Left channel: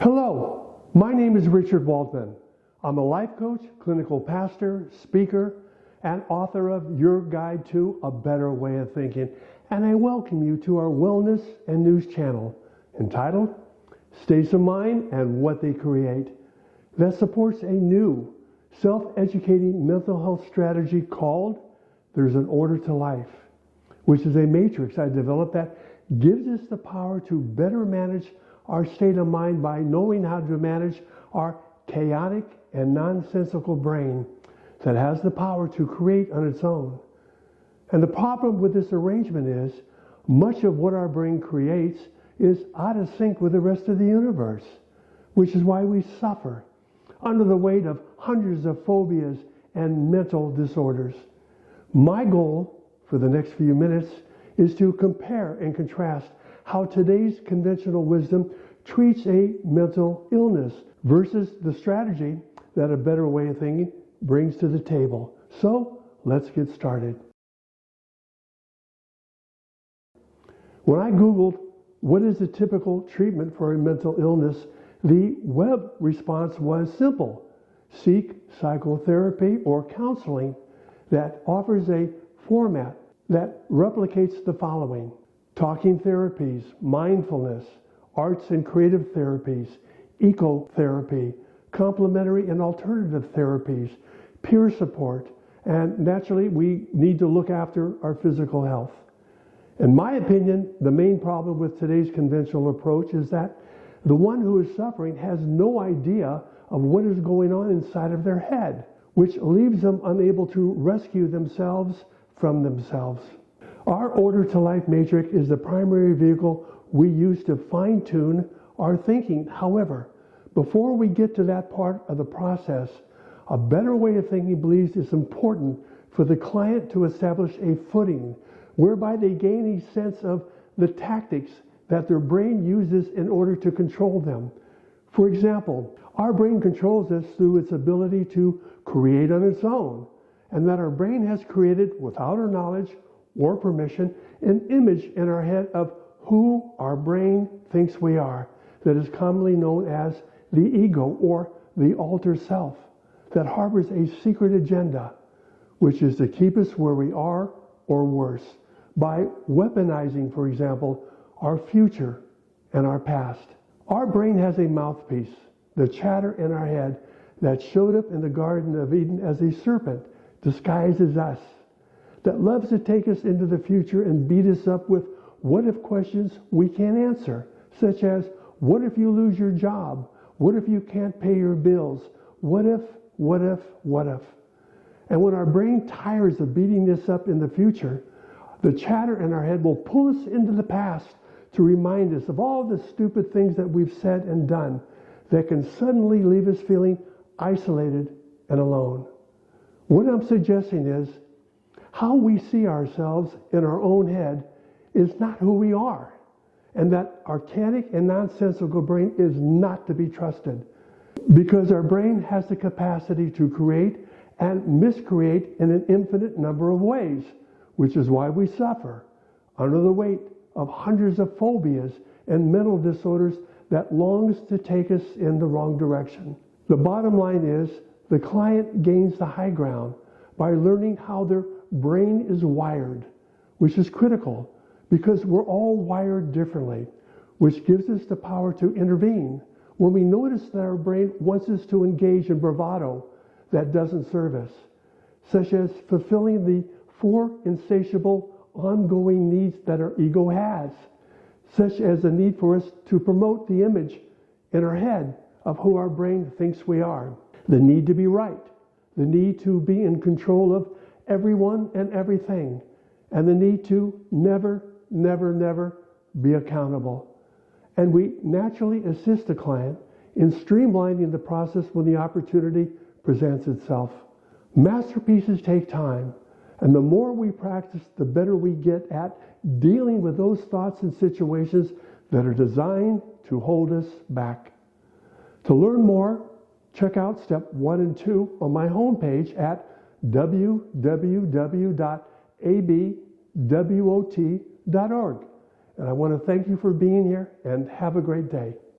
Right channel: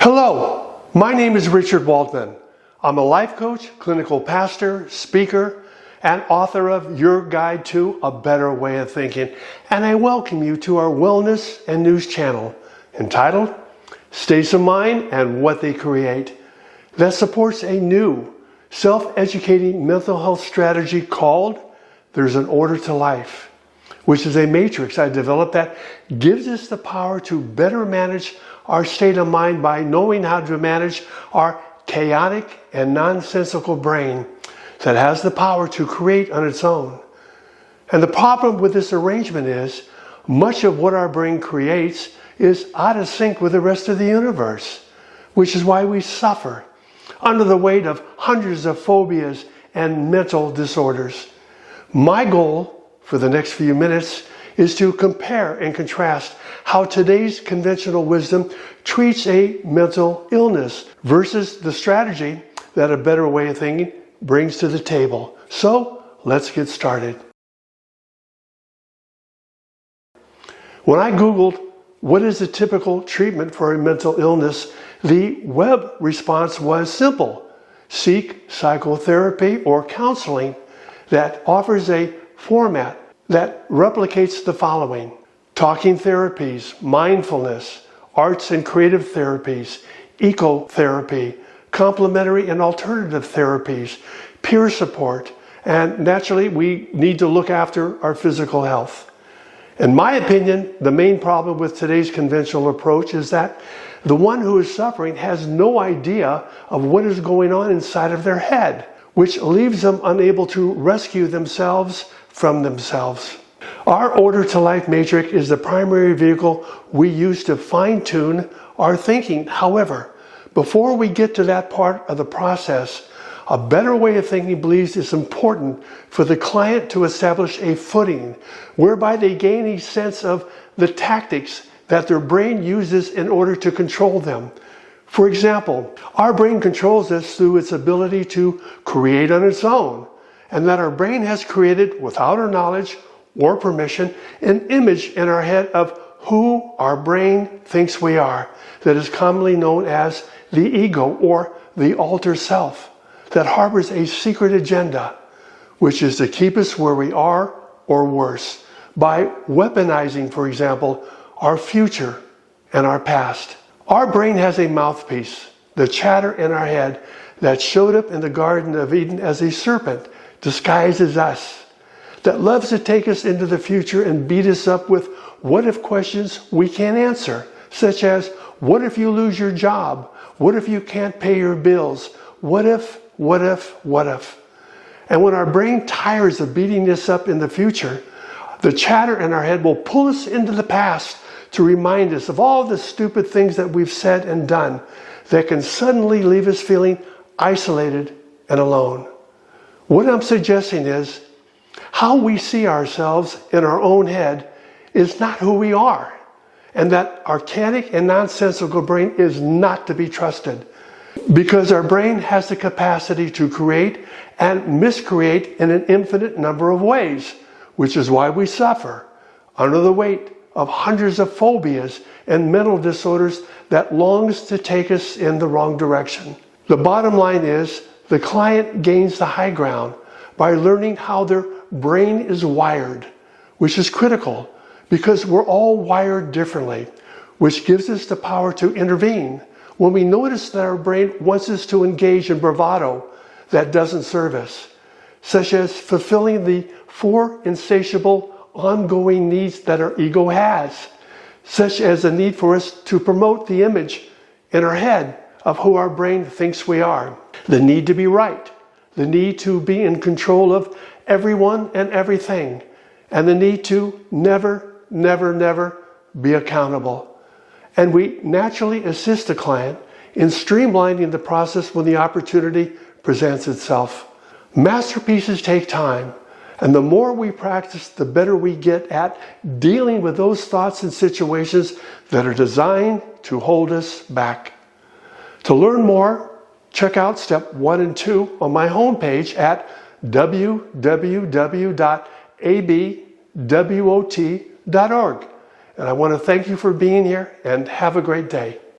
Hello, my name is Richard Waldman. I'm a life coach, clinical pastor, speaker, and author of Your Guide to a Better Way of Thinking, and I welcome you to our wellness and news channel entitled States of Mind and What They Create, that supports a new self-educating mental health strategy called There's an Order to Life, which is a matrix I developed that gives us the power to better manage our state of mind by knowing how to manage our chaotic and nonsensical brain that has the power to create on its own. And the problem with this arrangement is much of what our brain creates is out of sync with the rest of the universe, which is why we suffer under the weight of hundreds of phobias and mental disorders. My goal for the next few minutes is to compare and contrast how today's conventional wisdom treats a mental illness versus the strategy that a better way of thinking brings to the table. So let's get started. When I Googled what is a typical treatment for a mental illness, the web response was simple: seek psychotherapy or counseling that offers a format that replicates the following: talking therapies, mindfulness, arts and creative therapies, ecotherapy, complementary and alternative therapies, peer support, and naturally we need to look after our physical health. In my opinion, the main problem with today's conventional approach is that the one who is suffering has no idea of what is going on inside of their head, which leaves them unable to rescue themselves from themselves. Our Order to Life matrix is the primary vehicle we use to fine-tune our thinking. However, before we get to that part of the process, a better way of thinking believes it's important for the client to establish a footing whereby they gain a sense of the tactics that their brain uses in order to control them. For example, our brain controls us through its ability to create on its own, and that our brain has created, without our knowledge or permission, an image in our head of who our brain thinks we are, that is commonly known as the ego or the alter self, that harbors a secret agenda, which is to keep us where we are or worse, by weaponizing, for example, our future and our past. Our brain has a mouthpiece, the chatter in our head, that showed up in the Garden of Eden as a serpent disguised as us, that loves to take us into the future and beat us up with what-if questions we can't answer, such as, what if you lose your job? What if you can't pay your bills? What if, what if, what if? And when our brain tires of beating us up in the future, the chatter in our head will pull us into the past to remind us of all the stupid things that we've said and done that can suddenly leave us feeling isolated and alone. What I'm suggesting is, how we see ourselves in our own head is not who we are, and that archaic and nonsensical brain is not to be trusted, because our brain has the capacity to create and miscreate in an infinite number of ways, which is why we suffer under the weight of hundreds of phobias and mental disorders that longs to take us in the wrong direction. The bottom line is, the client gains the high ground by learning how their brain is wired, which is critical because we're all wired differently, which gives us the power to intervene when we notice that our brain wants us to engage in bravado that doesn't serve us, such as fulfilling the 4 insatiable ongoing needs that our ego has, such as the need for us to promote the image in our head of who our brain thinks we are, the need to be right, the need to be in control of everyone and everything, and the need to never, never, never be accountable. And we naturally assist the client in streamlining the process when the opportunity presents itself. Masterpieces take time, and the more we practice, the better we get at dealing with those thoughts and situations that are designed to hold us back. To learn more, check out step 1 and 2 on my homepage at www.abwot.org. And I want to thank you for being here, and have a great day.